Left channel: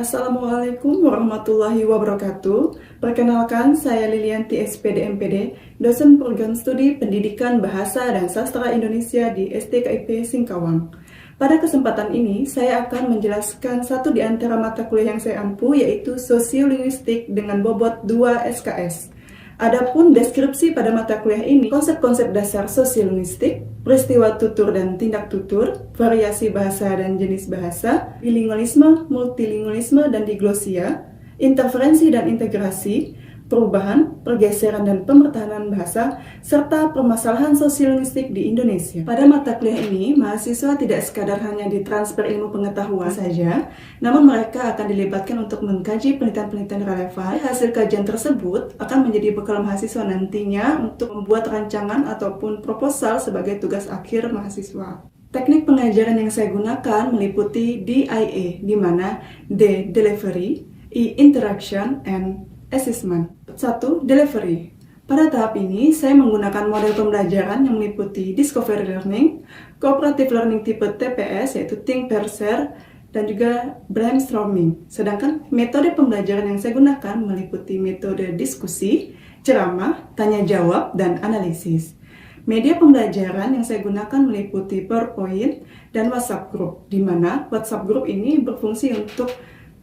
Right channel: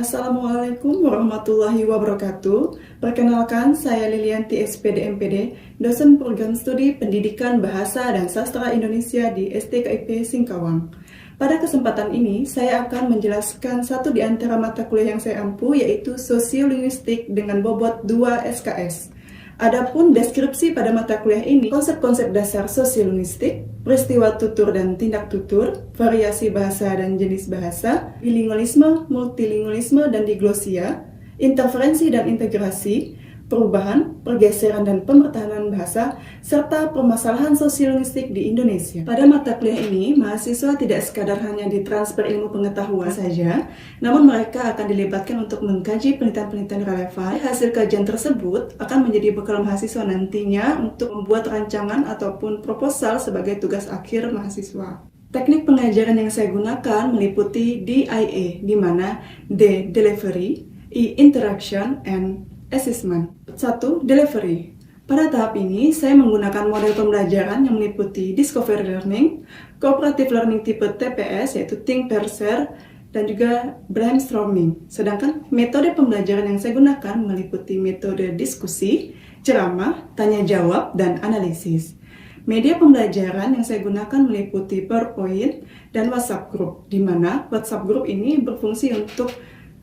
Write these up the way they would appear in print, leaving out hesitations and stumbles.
Assalamualaikum warahmatullahi wabarakatuh. Perkenalkan, saya Lilianti SPD MPD, dosen program studi Pendidikan Bahasa dan Sastra Indonesia di STKIP Singkawang. Pada kesempatan ini, saya akan menjelaskan satu di antara mata kuliah yang saya ampu, yaitu Sosiolinguistik dengan bobot 2 SKS. Adapun deskripsi pada mata kuliah ini, konsep-konsep dasar sosiolinguistik, peristiwa tutur dan tindak tutur, variasi bahasa dan jenis bahasa, bilingualisme, multilingualisme dan diglosia, interferensi dan integrasi, perubahan, pergeseran dan pemertahanan bahasa, serta permasalahan sosiolinguistik di Indonesia. Pada mata kuliah ini, mahasiswa tidak sekadar hanya ditransfer ilmu pengetahuan saja, namun mereka akan dilibatkan untuk mengkaji penelitian-penelitian relevan. Hasil kajian tersebut akan menjadi bekal mahasiswa nantinya untuk membuat rancangan ataupun proposal sebagai tugas akhir mahasiswa. Teknik pengajaran yang saya gunakan meliputi DIA, di mana D. Delivery, I. Interaction, and Assessment. 1. Delivery. Pada tahap ini, saya menggunakan model pembelajaran yang meliputi Discovery Learning, Cooperative Learning tipe TPS, yaitu Think, Pair, Share, dan juga Brainstorming. Sedangkan metode pembelajaran yang saya gunakan meliputi metode diskusi, ceramah, tanya-jawab, dan analisis. Media pembelajaran yang saya gunakan meliputi PowerPoint dan WhatsApp Group, di mana WhatsApp Group ini berfungsi untuk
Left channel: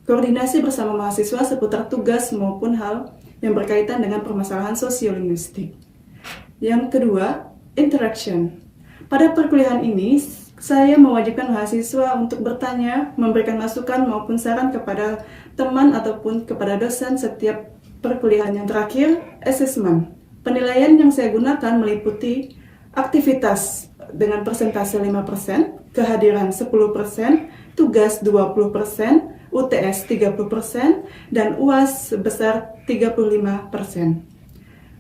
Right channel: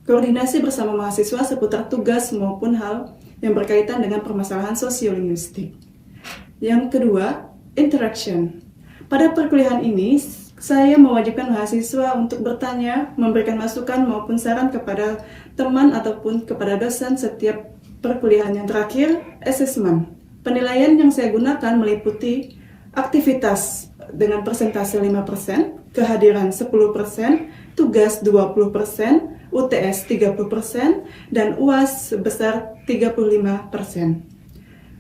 koordinasi bersama mahasiswa seputar tugas maupun hal yang berkaitan dengan permasalahan sosiolinguistik. Yang kedua, interaction. Pada perkuliahan ini, saya mewajibkan mahasiswa untuk bertanya, memberikan masukan maupun saran kepada teman ataupun kepada dosen setiap perkuliahan. Yang terakhir, assessment. Penilaian yang saya gunakan meliputi aktivitas dengan persentase 5%, kehadiran 10%, tugas 20%, UTS 30%, dan UAS sebesar 35%.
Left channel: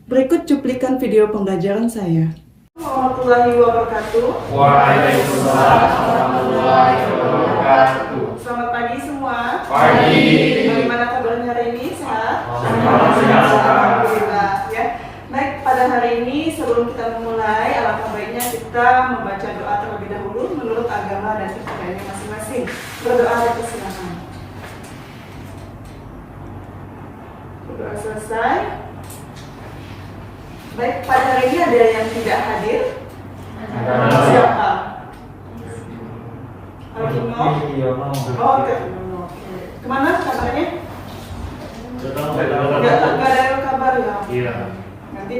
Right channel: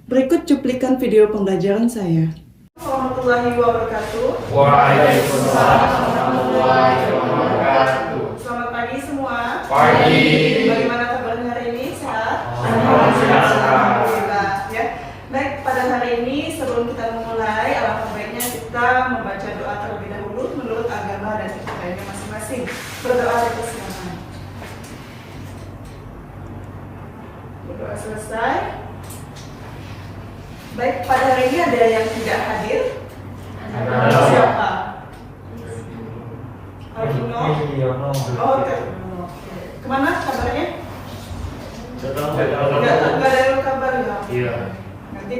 Berikut cuplikan video pembelajaran saya. Warahmatullahi wabarakatuh. Waalaikumsalam warahmatullahi wabarakatuh. Selamat pagi semua. Pagi. Bagaimana kabarnya hari ini? Sehat? Alhamdulillah. Ya. Baik, pada hari ini sebelum kita memulai, alangkah baiknya kita membaca doa terlebih dahulu menurut agama dan kepercayaan masing-masing. Berdoa bersama. Berdoa selesai. Baik, pada hari ini ada yang tidak hadir. Siapa? Arduino. Oh, Arduino. Kemana kabarnya? Nggak ada kabar ya. Iya. Nanti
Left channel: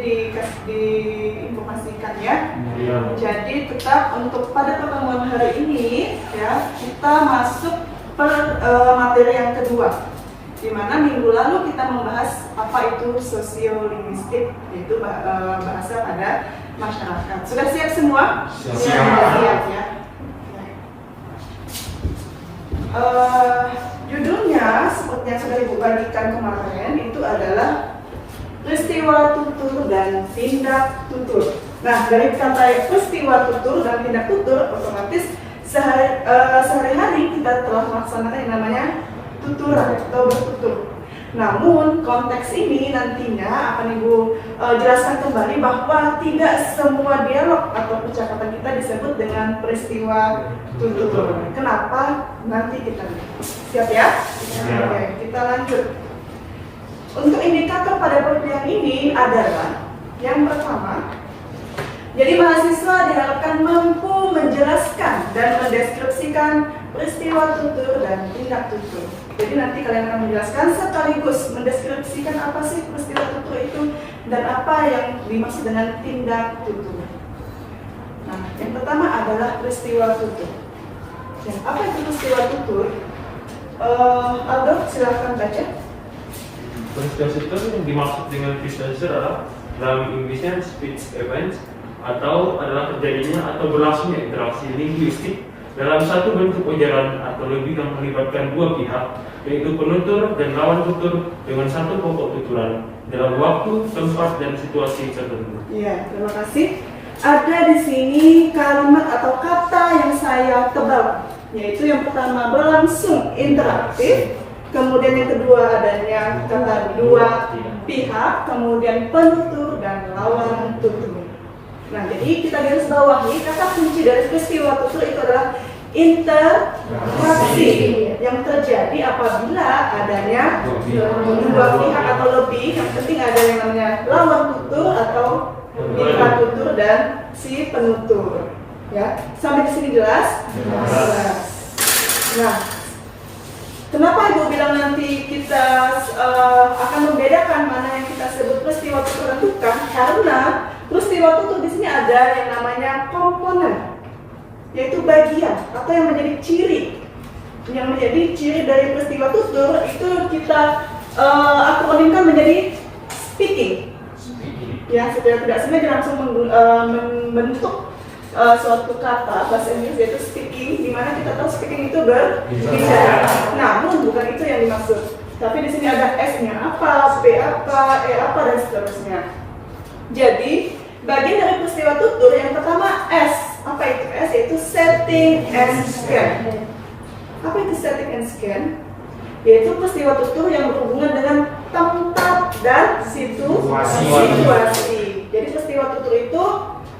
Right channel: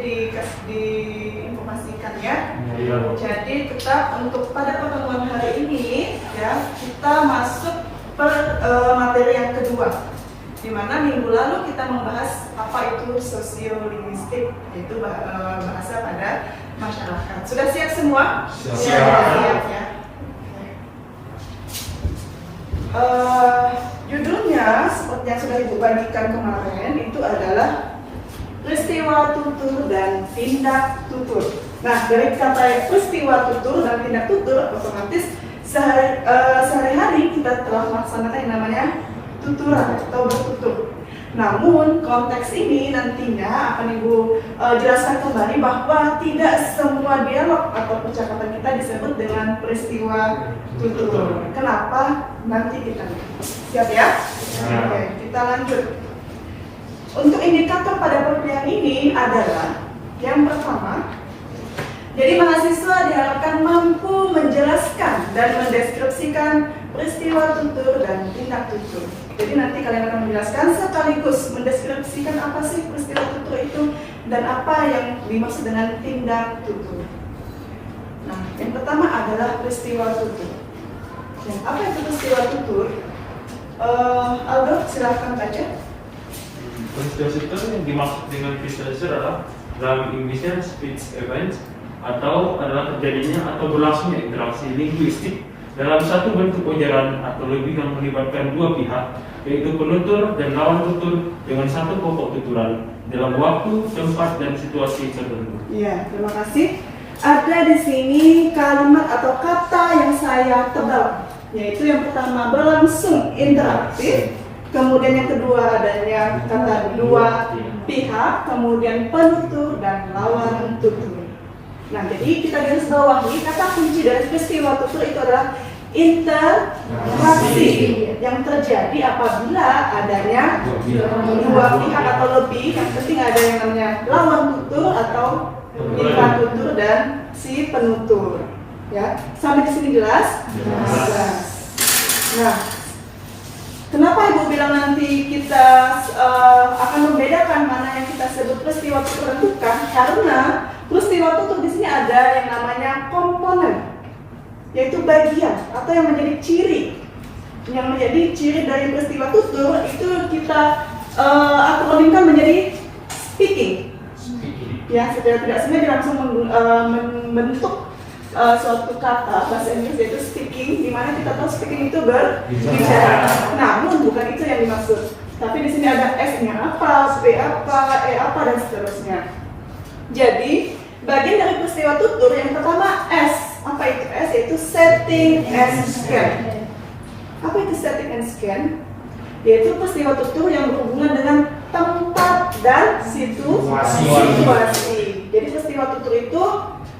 diinformasikan ya. Iya. Jadi tetap untuk pada pertemuan hari ini ya, kita masuk materi yang kedua, di mana minggu lalu kita membahas apa itu sosiolinguistik, yaitu bahasa pada masyarakat. Sudah siap semua? Siap. Ya. Judulnya seperti yang sudah Ibu bagikan kemarin itu adalah peristiwa tutur dan tindak tutur. Nah, dari kata peristiwa tutur dan tindak tutur, otomatis sehari-hari kita telah melaksanakan yang namanya tuturan atau bertutur. Namun konteks ini nantinya akan Ibu jelaskan kembali bahwa tidak semua dialog atau percakapan kita disebut dengan peristiwa tutur. Kenapa? Nanti kita lihat. Siap ya? Oke, kita lanjut. Untuk indikator pada perkuliahan ini adalah yang pertama, jadi mahasiswa diharapkan mampu menjelaskan dan mendeskripsikan peristiwa tutur dan tindak tutur. Jadi nanti kalian akan menjelaskan sekaligus mendeskripsikan apa sih peristiwa tutur itu dan apa yang dimaksud dengan tindak tutur. Nah, yang pertama adalah peristiwa tutur. Dan apa itu peristiwa tutur? Aldo, silahkan baca. Peristiwa tutur yang dimaksud dengan peristiwa tutur adalah dalam Inggrisnya speech events atau adalah terjadinya atau berlangsungnya interaksi linguistik dalam satu bentuk ujaran atau lebih yang melibatkan dua pihak, yaitu penutur dan lawan tutur dengan satu pokok tuturan dalam waktu, tempat, dan situasi tertentu. Iya, terima kasih. Ada di sini kalimat atau kata yang saya tebak, yaitu yang pertama berlangsung interaktif, kemudian yang kedua adanya kata dua pihak, kemudian penutur dan lawan tutur. Nah, jadi kita garis bawahi kata kunci dari peristiwa tutur itu adalah interaksi yang terjadi apabila adanya dua pihak atau lebih. Yang penting ada yang namanya lawan tutur atau mitra tutur dan si penutur. Ya, sampai di sini jelas? Jelas. Nah, kenapa Ibu bilang nanti kita akan membedakan mana yang kita sebut peristiwa tutur menentukan? Karena peristiwa tutur di sini ada yang namanya komponen, yaitu bagian atau yang menjadi ciri. Yang menjadi ciri dari peristiwa tutur itu kita akronimkan menjadi speaking. Ya, secara tidak sengaja langsung membentuk suatu kata bahasa Inggris yaitu speaking, di mana kita tahu speaking itu berbicara. Namun bukan itu yang dimaksud. Tapi di sini ada S-nya apa, P apa, E apa dan seterusnya. Jadi bagian dari peristiwa tutur yang pertama S. Apa itu S? Yaitu setting and scan. Apa itu setting and scan? Yaitu peristiwa tutur yang berhubungan dengan tempat dan situasi. Jadi peristiwa tutur itu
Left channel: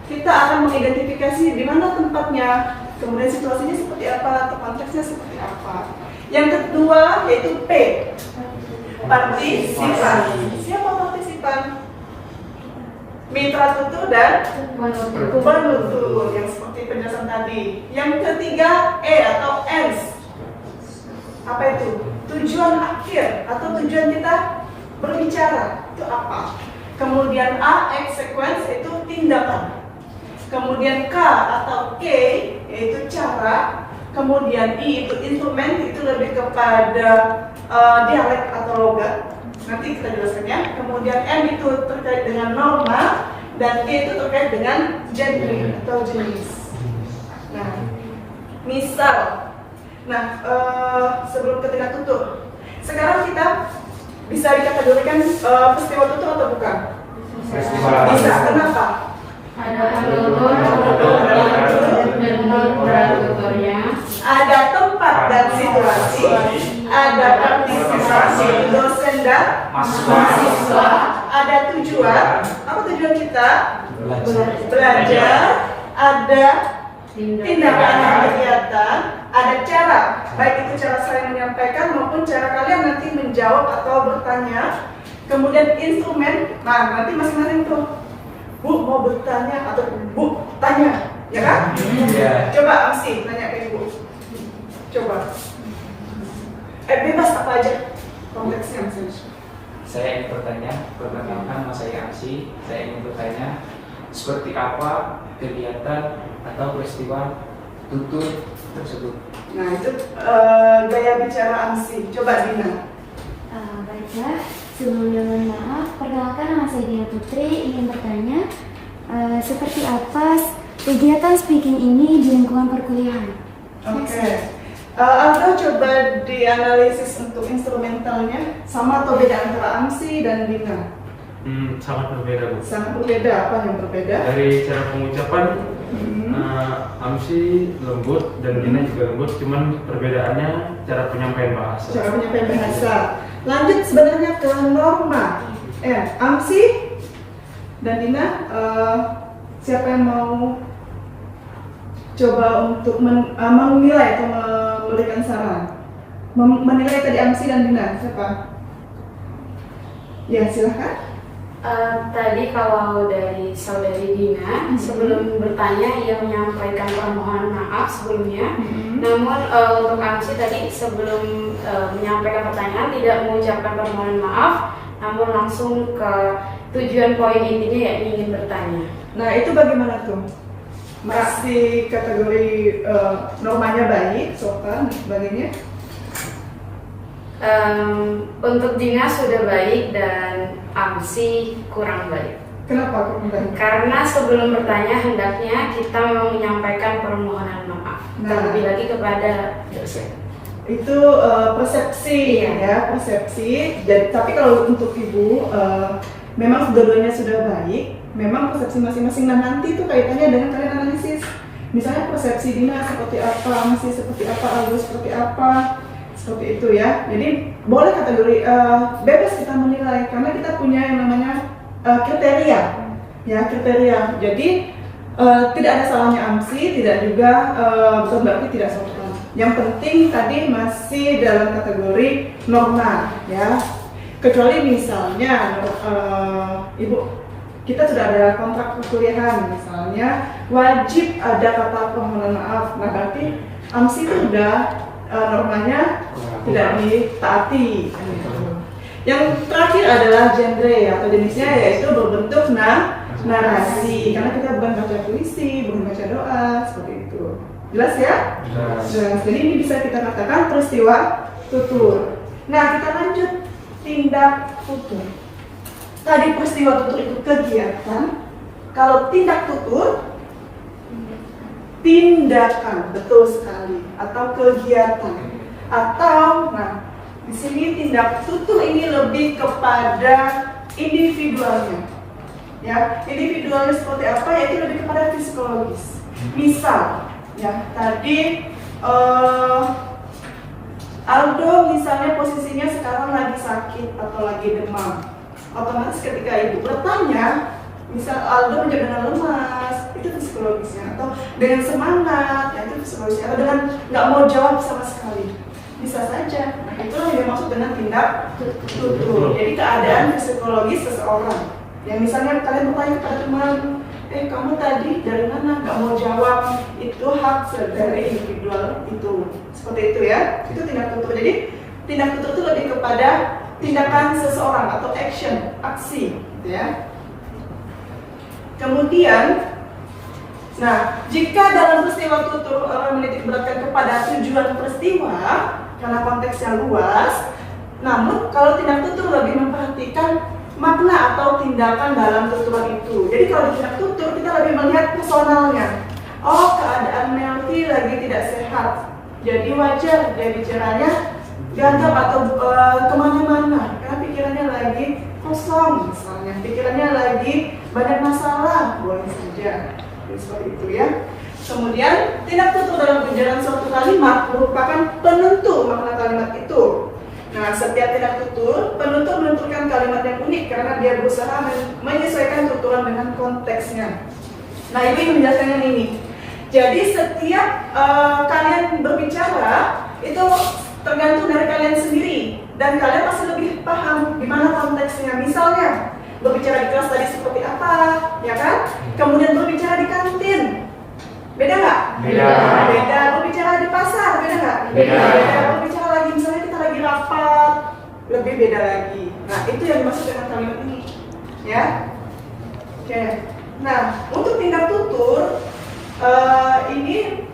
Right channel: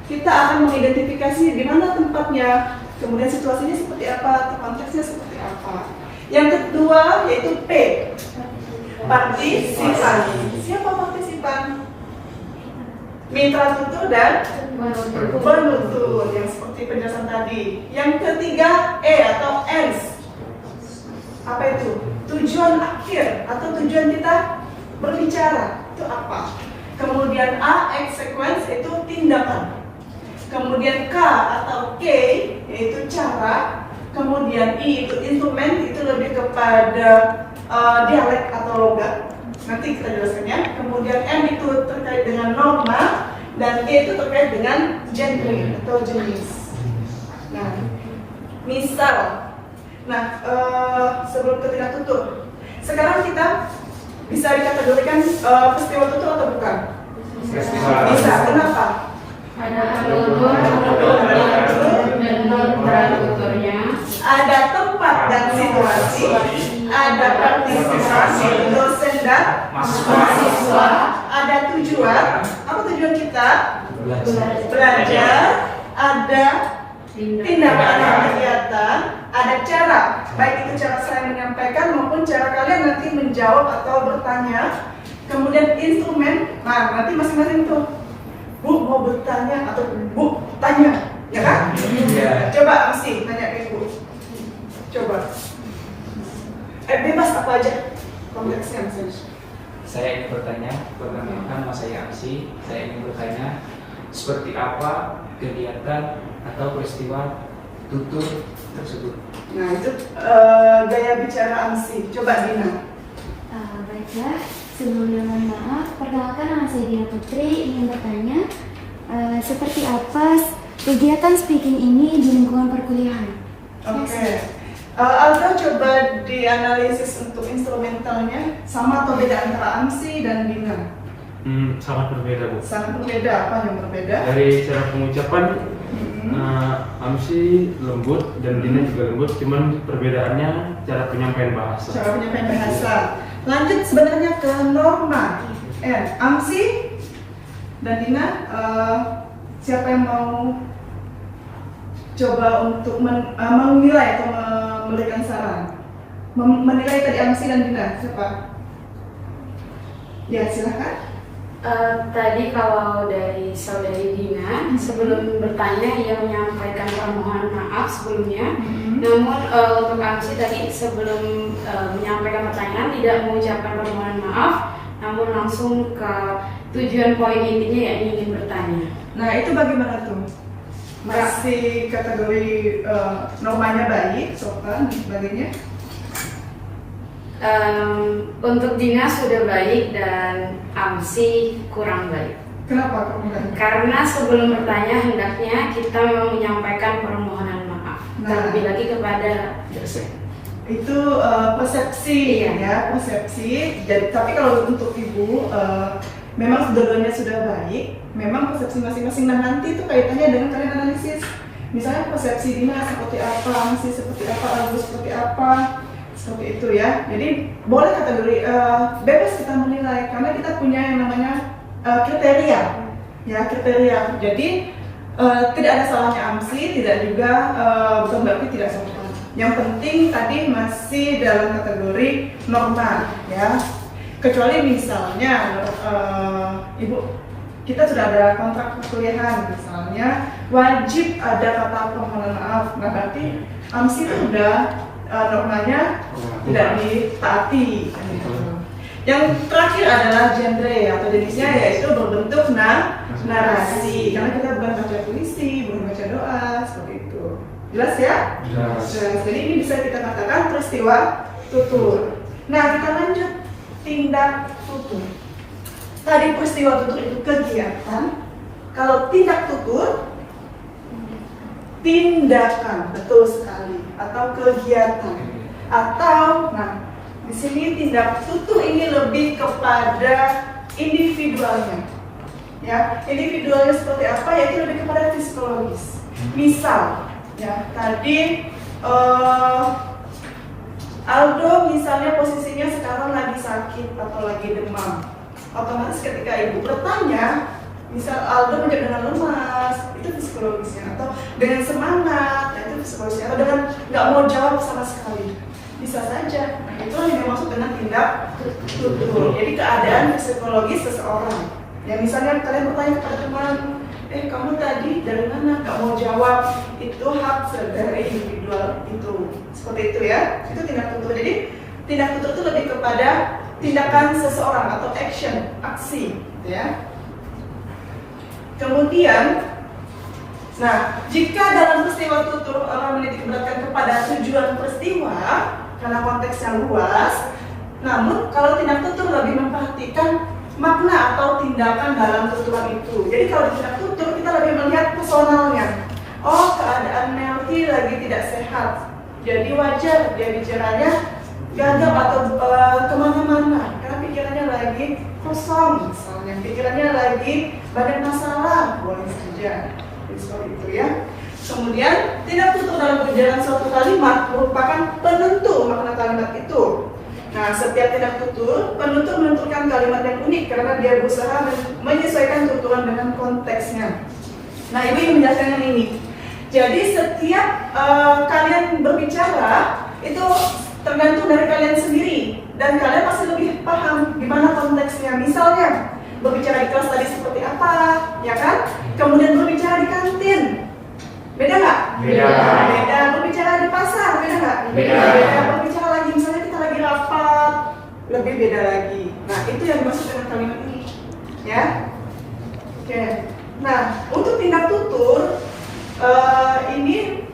kita akan mengidentifikasi di mana tempatnya, kemudian situasinya seperti apa, atau konteksnya seperti apa. Yang kedua yaitu P, partisipan. Siapa partisipan? Mitra tutur dan penutur yang seperti penjelasan tadi. Yang ketiga E atau ends. Apa itu? Tujuan akhir atau tujuan kita berbicara itu apa? Kemudian A, exequence, itu tindakan. Kemudian K atau K yaitu cara. Kemudian I itu instrumen, itu lebih kepada dialek atau logat. Nanti kita jelaskannya. Kemudian M itu terkait dengan norma dan G itu terkait dengan genre atau jenis. Nah, misal, sebelum ke tindak tutur, sekarang kita bisa dikategorikan peristiwa tutur atau bukan? Bisa. Kenapa? Ada tempat dan situasi, ada partisipasi dosen dan mahasiswa, ada tujuan. Apa tujuan kita? Belajar. Ada tindakan dan kegiatan, ada cara, baik itu cara saya menyampaikan maupun cara kalian nanti menjawab atau bertanya. Kemudian instrumen, nanti masing-masing tuh. Bu mau bertanya atau Bu tanya, ya kan? Coba Amsi nanya ke Ibu. Coba. Bebas apa aja konteksnya. Saya ingin bertanya, perkenalkan nama saya Amsi. Saya ingin bertanya seperti apa kegiatan atau peristiwa tutur tersebut. Nah itu gaya bicara Amsi. Coba Dina. Baiklah, sebelumnya mohon maaf, perkenalkan nama saya Dina Putri, ingin bertanya seperti apa kegiatan speaking ini di lingkungan perkuliahan? Oke. Aldo coba dianalisis untuk instrumentalnya sama atau beda antara Amsi dan Dina? Sangat berbeda, Bu. Sangat berbeda. Apa yang berbeda? Dari cara pengucapan, Amsi lembut dan Dina juga lembut, cuman perbedaannya cara penyampaian bahasa. Cara penyampaian bahasa. Lanjut sebenarnya ke norma. Amsi dan Dina, siapa yang mau coba untuk menilai atau memberikan saran? Menilai tadi Amsi dan Dina, siapa? Ya silahkan. Tadi kalau dari saudari Dina, sebelum bertanya ia menyampaikan permohonan maaf sebelumnya. Namun untuk Amsi tadi sebelum menyampaikan pertanyaan tidak mengucapkan permohonan maaf, namun langsung ke tujuan poin intinya yakni ingin bertanya. Nah itu bagaimana tuh? Masih kategori normanya baik, sopan, sebagainya? Untuk Dina sudah baik dan Amsi kurang baik. Kenapa? Karena sebelum bertanya hendaknya kita memang menyampaikan permohonan maaf. Terlebih lagi kepada dosen. Itu persepsi, ya persepsi. Jadi tapi kalau untuk Ibu memang dua-duanya sudah baik. Memang persepsi masing-masing. Nah nanti itu kaitannya dengan kalian analisis. Misalnya persepsi Dina seperti apa, Amsi seperti apa, Agus seperti apa. Seperti itu ya. Jadi boleh kategori bebas kita menilai karena kita punya yang namanya kriteria, ya kriteria. Jadi Tidak ada salahnya AMSI, tidak juga bukan berarti tidak sopan. Yang penting tadi masih dalam kategori normal, ya. Kecuali misalnya, Ibu, kita sudah ada kontrak perkuliahan, misalnya wajib ada kata permohonan maaf. Nah, berarti AMSI itu sudah normalnya tidak ditaati. Yang terakhir adalah genre atau jenisnya, yaitu berbentuk narasi. Karena kita bukan baca puisi, bukan baca doa, seperti itu. Jelas ya? Jelas. Jadi ini bisa kita katakan peristiwa tutur. Nah, kita lanjut tindak tutur. Tadi peristiwa tutur itu kegiatan. Kalau tindak tutur, tindakan, betul sekali, atau kegiatan, atau, nah, di sini tindak tutur ini lebih kepada individualnya, ya. Individualnya seperti apa? Yaitu lebih kepada psikologis. Misal, ya, tadi Aldo misalnya posisinya sekarang lagi sakit atau lagi demam. Otomatis ketika ibu bertanya, misal Aldo menjadi dengan lemas, itu psikologisnya, atau dengan semangat, ya, itu psikologisnya, atau dengan nggak mau jawab sama sekali, bisa saja. Nah, itulah yang dimaksud dengan tindak tutur. Jadi keadaan psikologis seseorang. Yang misalnya kalian bertanya kepada teman, kamu tadi dari mana nggak mau jawab, itu hak dari individual itu. Seperti itu ya, itu tindak tutur. Jadi tindak tutur itu lebih kepada tindakan seseorang atau action, aksi, gitu ya. Kemudian, nah, jika dalam peristiwa tutur orang menitik beratkan kepada tujuan peristiwa karena konteksnya luas, namun kalau tindak tutur lebih memperhatikan makna atau tindakan dalam tuturan itu. Jadi kalau di tindak tutur kita lebih melihat personalnya. Oh, keadaan Melty lagi tidak sehat, jadi wajar dia bicaranya gagap atau kemana-mana karena pikirannya lagi kosong, misalnya pikirannya lagi banyak masalah, boleh saja seperti itu ya. Kemudian tindak tutur dalam perjalanan suatu kalimat merupakan penentu makna kalimat itu. Nah, setiap tindak tutur penentu menentukan kalimat yang unik karena dia berusaha menyesuaikan tuturan dengan konteksnya. Nah, ini menjelaskan ini. Jadi setiap kalian berbicara itu tergantung dari kalian sendiri dan kalian pasti lebih paham gimana konteksnya. Misalnya berbicara di kelas tadi seperti apa, ya kan? Kemudian berbicara di kantin, beda nggak? Beda. Beda. Berbicara di pasar, beda nggak? Beda. Berbicara lagi misalnya kita lagi rapat, lebih beda lagi. Nah, itu yang dimaksud dengan kalimat ini, ya. Oke. Nah, untuk tindak tutur ini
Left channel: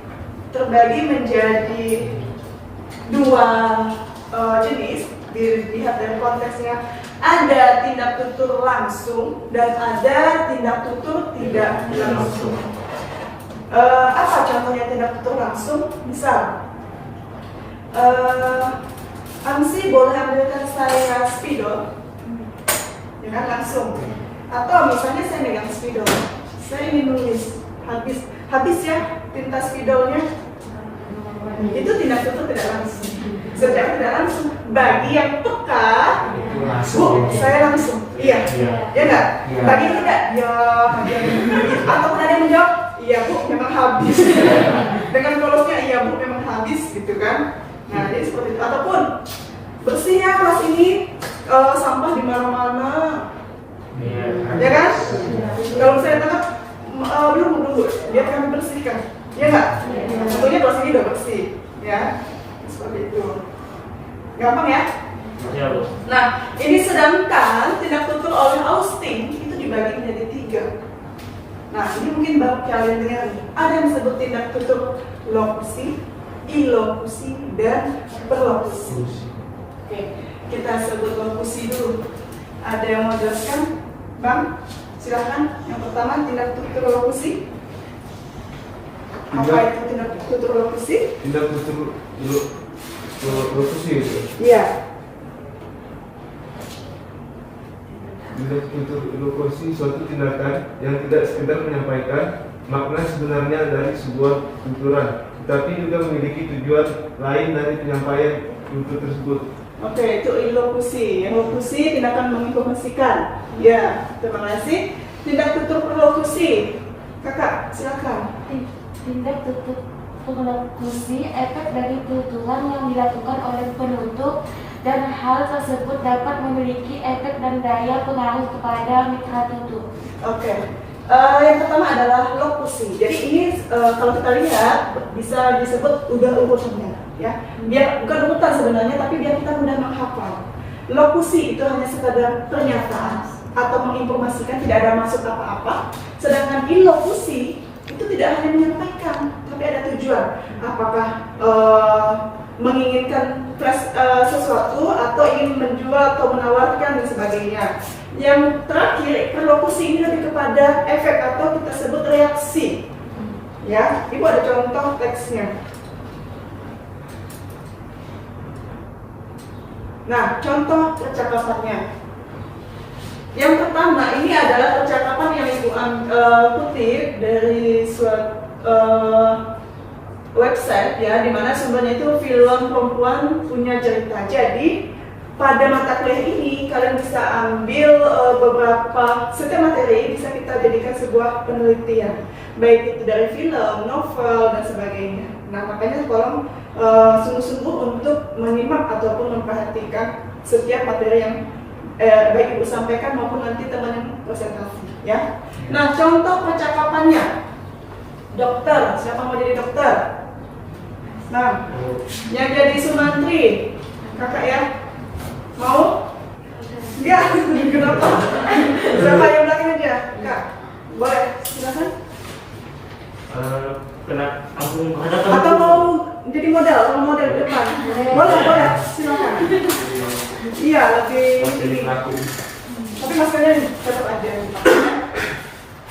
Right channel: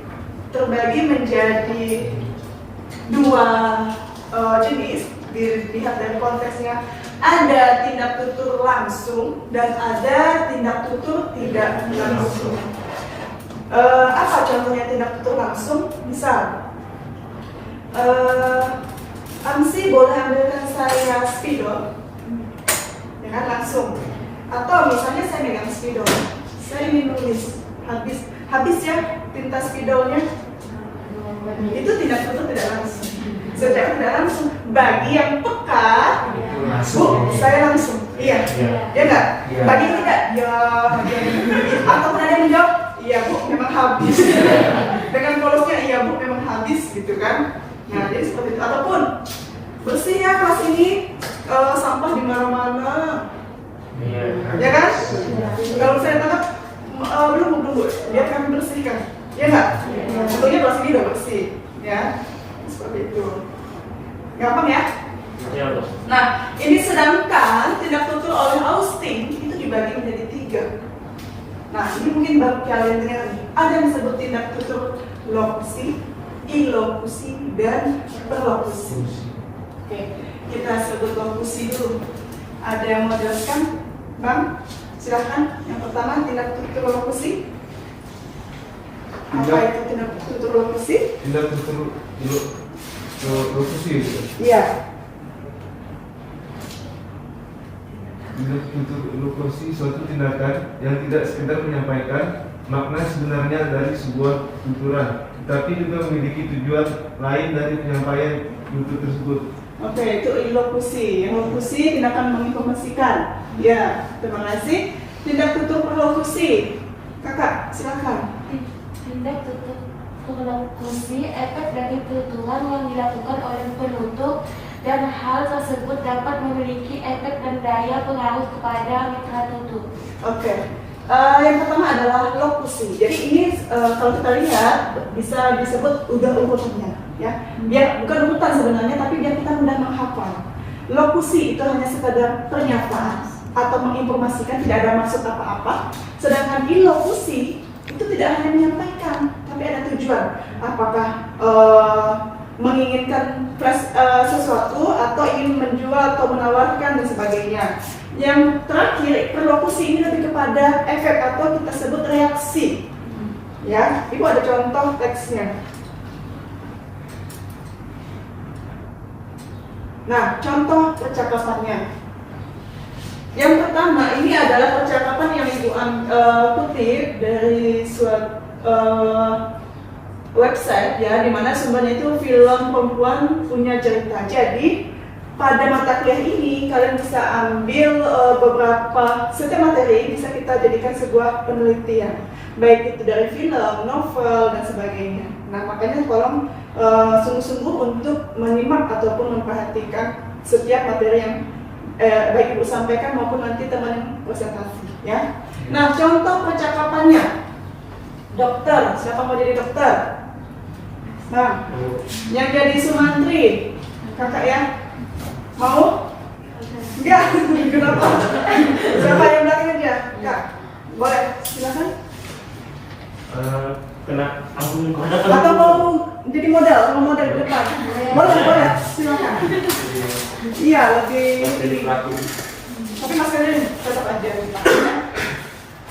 terbagi menjadi dua jenis, dilihat dari konteksnya. Ada tindak tutur langsung dan ada tindak tutur tidak langsung. Apa contohnya tindak tutur langsung? Misal, AMSI boleh ambilkan saya spidol, ya kan, langsung. Atau misalnya saya megang spidol, saya ingin nulis, habis ya tinta spidolnya. Itu tindak tutur tidak langsung. Secara tidak langsung, bagi yang peka, saya langsung, iya, ya enggak? Bagi yang tidak, ya, atau tadi menjawab, iya bu, memang habis. Dengan polosnya, iya bu, memang habis, gitu kan? Nah, jadi seperti itu. Ataupun bersih ya kelas ini, sampah di mana-mana, ya kan? Kalau saya tangkap, belum bu, biar kami bersihkan, ya enggak? Tentunya kelas ini udah bersih, ya, seperti itu. Gampang ya? Nah, ini sedangkan tindak tutur oleh Austin itu dibagi menjadi 3. Nah, ini mungkin baru kalian dengar. Ada yang disebut tindak tutur lokusi, ilokusi, dan perlokusi. Oke, kita sebut lokusi dulu. Ada yang mau jelaskan? Bang, silahkan. Yang pertama, tindak tutur lokusi. Apa itu tindak tutur lokusi? Tindak tutur lokusi itu? Iya. Tindak tutur lokusi suatu tindakan yang tidak sekedar menyampaikan makna sebenarnya dari sebuah tuturan, tetapi juga memiliki tujuan lain dari penyampaian tutur tersebut. Oke, itu ilokusi. Lokusi tindakan menginformasikan. Ya, terima kasih. Tindak tutur perlokusi. Kakak, silakan. Tindak tutup lokusi efek dari tuturan yang dilakukan oleh penutup dan hal tersebut dapat memiliki efek dan daya pengaruh kepada mitra tutup. Oke. Yang pertama adalah lokusi. Jadi ini kalau kita lihat bisa disebut urutannya, ya. Dia bukan urutan sebenarnya, tapi biar kita mudah menghafal. Lokusi itu hanya sekadar pernyataan atau menginformasikan, tidak ada maksud apa-apa. Sedangkan ilokusi itu tidak hanya menyampaikan, tapi ada tujuan. Apakah menginginkan sesuatu atau ingin menjual atau menawarkan dan sebagainya. Yang terakhir, perlokusi ini lebih kepada efek atau kita sebut reaksi. Ya, Ibu ada contoh teksnya. Nah, contoh percakapannya. Yang pertama, ini adalah percakapan yang Ibu kutip dari suatu website, ya, dimana sumbernya itu film perempuan punya cerita. Jadi pada mata kuliah ini kalian bisa ambil setiap materi bisa kita jadikan sebuah penelitian, baik itu dari film, novel dan sebagainya. Nah, makanya tolong sungguh-sungguh untuk menyimak ataupun memperhatikan setiap materi yang baik Ibu sampaikan maupun nanti teman yang presentasi, ya. Nah, contoh percakapannya. Dokter, siapa mau jadi dokter? Nah, yang jadi Sumantri, kakak ya? Mau? Enggak, kenapa? Siapa yang belakang aja? Enggak, boleh, silakan. Atau mau jadi model depan? Boleh, silakan. Iya, lebih. Tapi maskernya tetap ada.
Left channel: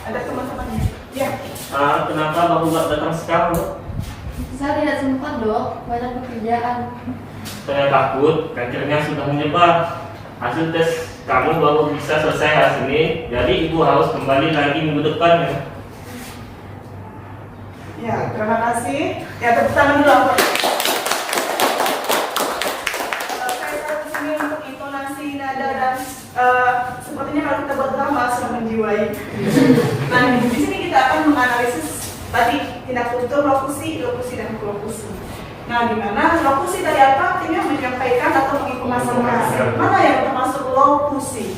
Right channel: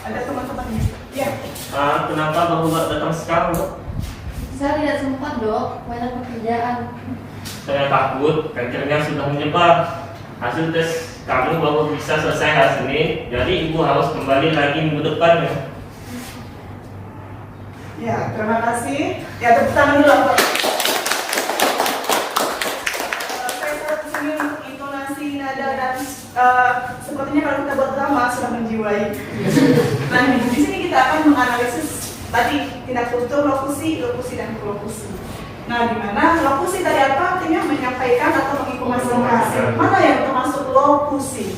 Ada teman-teman. Iya. Kenapa baru nggak datang sekarang? Saya tidak sempat, Dok, banyak pekerjaan. Saya takut kankernya sudah menyebar. Hasil tes kamu baru bisa selesai hari ini, jadi Ibu harus kembali lagi minggu depan, ya. Ya, terima kasih. Ya, tepuk tangan dulu. Saya kesini untuk intonasi nada dan sepertinya kalau kita berdrama sudah menjiwai. Nah, di sini kita akan menganalisis tadi tindak tutur, lokusi dan lokusi. Nah, di mana lokusi tadi apa? Artinya menyampaikan atau menginformasikan. Mana yang termasuk lokusi?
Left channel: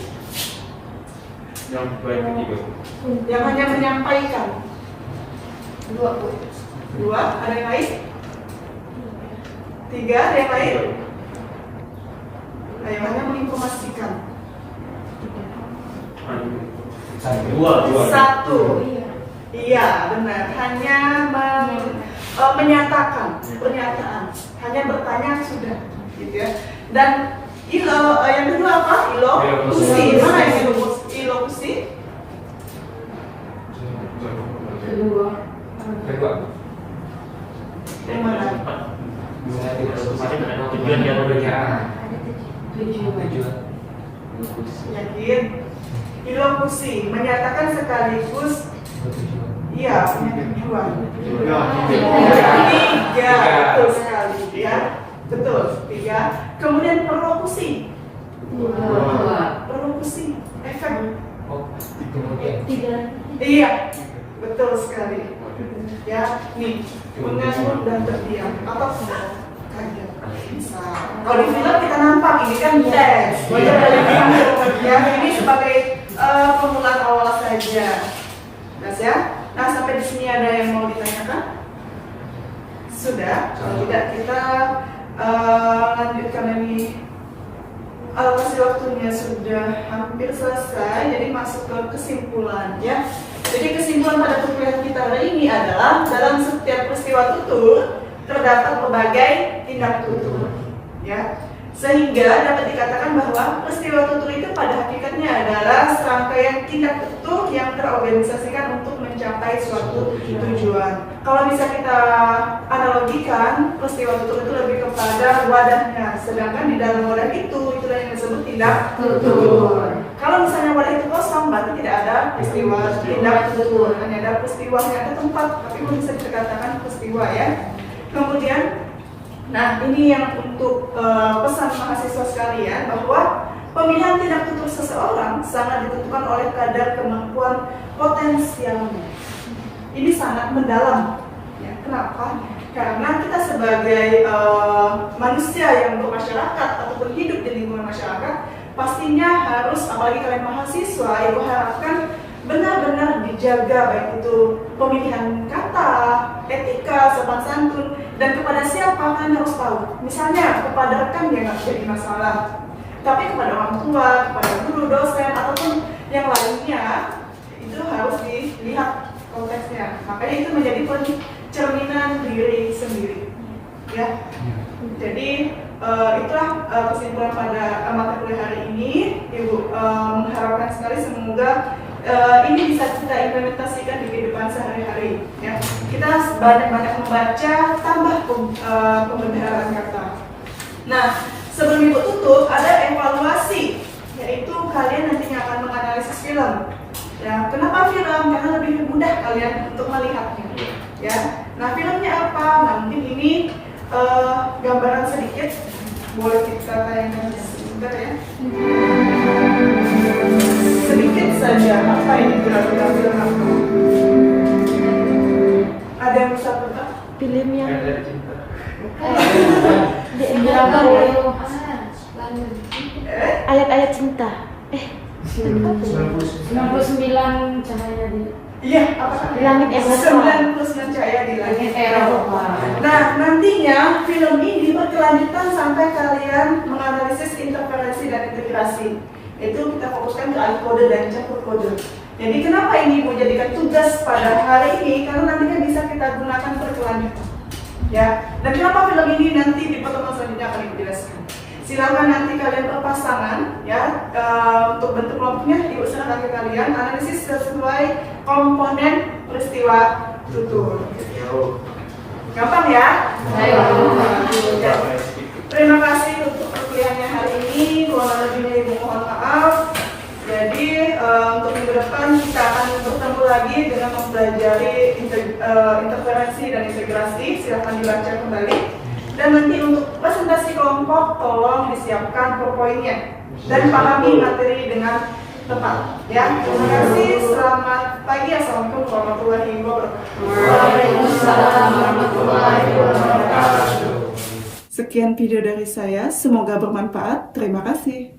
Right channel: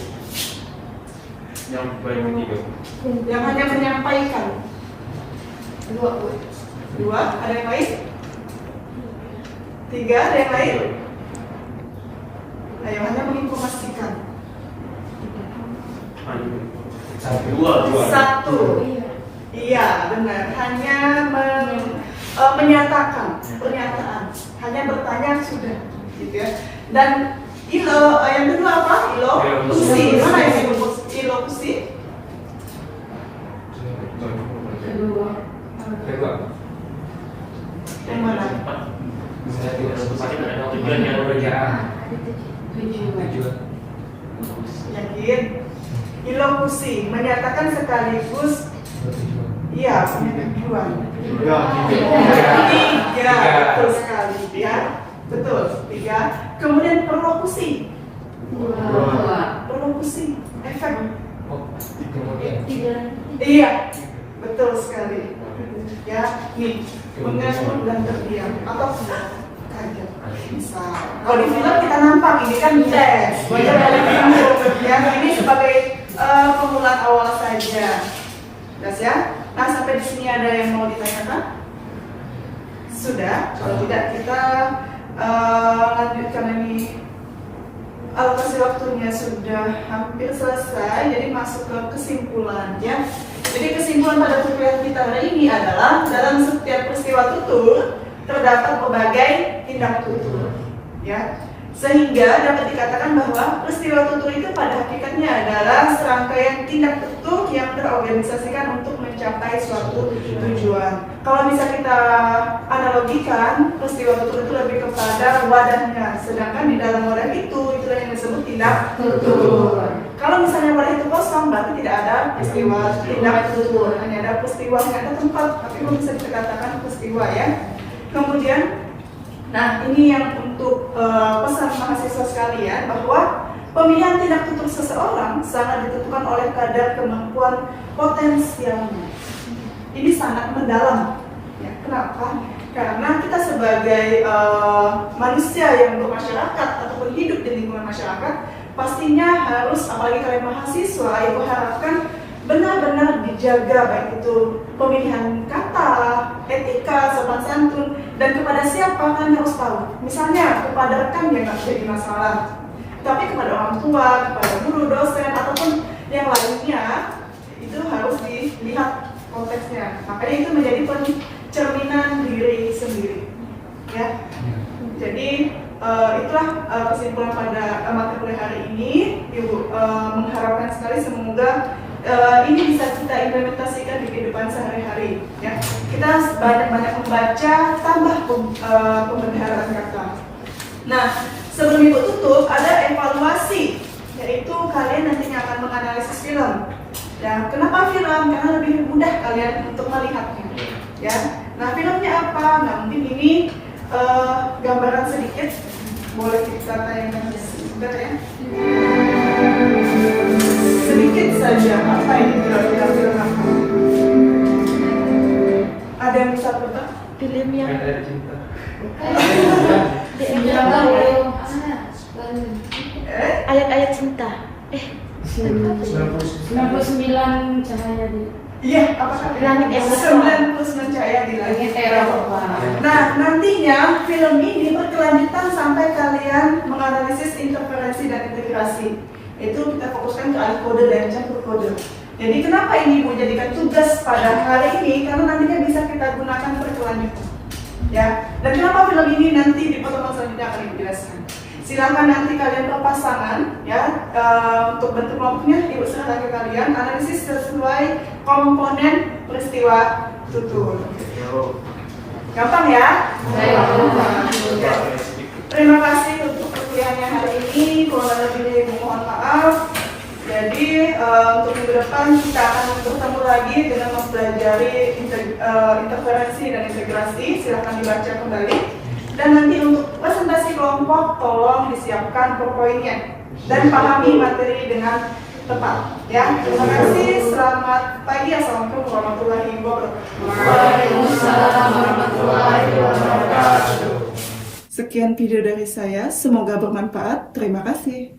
Yang hanya menyampaikan. Dua, ada yang lain? Tiga, ada yang lain? Nah, yang hanya menginformasikan. Dua. Satu. Iya, benar. Hanya menyatakan pernyataan. Hanya bertanya sudah, gitu ya. Dan yang kedua apa? Ilokusi. Mana yang ilokusi? Yang mana? Tujuan yang berbeda. Yakin? Ilokusi menyatakan sekaligus. Iya, punya tujuan. Tiga, betul sekali. Ya, betul. Tiga. Kemudian perlokusi. Perlokusi, efek. Iya, betul sekali. Ya, nih, mengenal dan terdiam atau kaget. Bisa. Kalau di film kita nampak ini kan tes. Wajar ya, ini sebagai pengulang awal saja. Jelas ya? Nah, sampai di sini ada yang mau ditanyakan? Sudah. Kalau tidak kita lanjutkan ini. Alokasi waktunya sudah hampir selesai, jadi masuk ke kesimpulannya. Jadi kesimpulan pada tutorial kita hari ini adalah dalam setiap peristiwa tutur terdapat berbagai tindak tutur, ya. Sehingga dapat dikatakan bahwa peristiwa tutur itu pada hakikatnya adalah serangkaian tindak tutur yang terorganisasikan untuk mencapai suatu tujuan. Kalau bisa kita analogikan, peristiwa tutur itu lebih kepada wadahnya, sedangkan di dalam wadah itulah yang disebut tindak tutur. Kalau misalnya wadah itu kosong, berarti tidak ada peristiwa tindak tutur, hanya ada peristiwa, hanya ada tempat, tapi bisa dikatakan peristiwa, ya. Kemudian, nah ini yang untuk pesan mahasiswa sekalian bahwa pemilihan tindak tutur seseorang sangat ditentukan oleh kadar kemampuan potensialnya. ini sangat mendalam. Ya, kenapa? Karena kita sebagai manusia yang bermasyarakat ataupun hidup di lingkungan masyarakat, pastinya harus, apalagi kalian mahasiswa, Ibu harapkan benar-benar dijaga, baik itu pemilihan kata, etika, sopan santun, dan kepada siapa kalian harus tahu. Misalnya kepada rekan yang nggak jadi masalah, tapi kepada orang tua, kepada guru, dosen, ataupun yang lainnya, itu harus dilihat konteksnya. Makanya itu menjadi cerminan diri sendiri, ya. Jadi itulah kesimpulan pada mata kuliah hari ini. Ibu mengharapkan sekali semoga ini bisa kita implementasikan di kehidupan sehari-hari, ya. Kita banyak-banyak membaca, tambah pembendaharaan kata. Nah, sebelum Ibu tutup, ada evaluasi, yaitu kalian nantinya akan menganalisis film. Ya, kenapa film? Karena lebih mudah kalian untuk melihatnya, ya. Nah, filmnya apa? Nah, mungkin ini gambaran sedikit, boleh kita tayangkan sedikit ya. Sedikit saja, apa ini kira-kira film apa? Ada yang bisa tebak? Film yang ayat-ayat cinta. 99 cahaya di Iya, apa Langit Eropa. 99 cahaya di langit Eropa. Nah, nantinya film ini berkelanjutan sampai kalian menganalisis interferensi dan integrasi. Itu kita fokuskan ke alih kode dan campur kode. Jadi kenapa ini mau jadikan tugas pada hari ini? Karena nantinya bisa kita gunakan berkelanjutan. Ya, dan kenapa film ini nanti di pertemuan selanjutnya akan dijelaskan. Silakan nanti kalian berpasangan, ya, untuk bentuk kelompoknya Ibu serahkan ke kalian, analisis sesuai komponen peristiwa tutur. Gampang ya? Ya. Terima kasih untuk perkuliahannya hari ini. Kurang lebihnya Ibu mohon maaf. Jadi untuk minggu depan kita akan bertemu lagi dengan mempelajari interferensi dan integrasi. Silakan dibaca kembali. Dan nanti untuk presentasi kelompok tolong disiapkan PowerPoint-nya dan pahami materi dengan tepat. Ya, terima kasih. Selamat pagi. Assalamualaikum warahmatullahi wabarakatuh. Waalaikumsalam warahmatullahi wabarakatuh. Sekian video dari saya. Semoga bermanfaat. Terima kasih.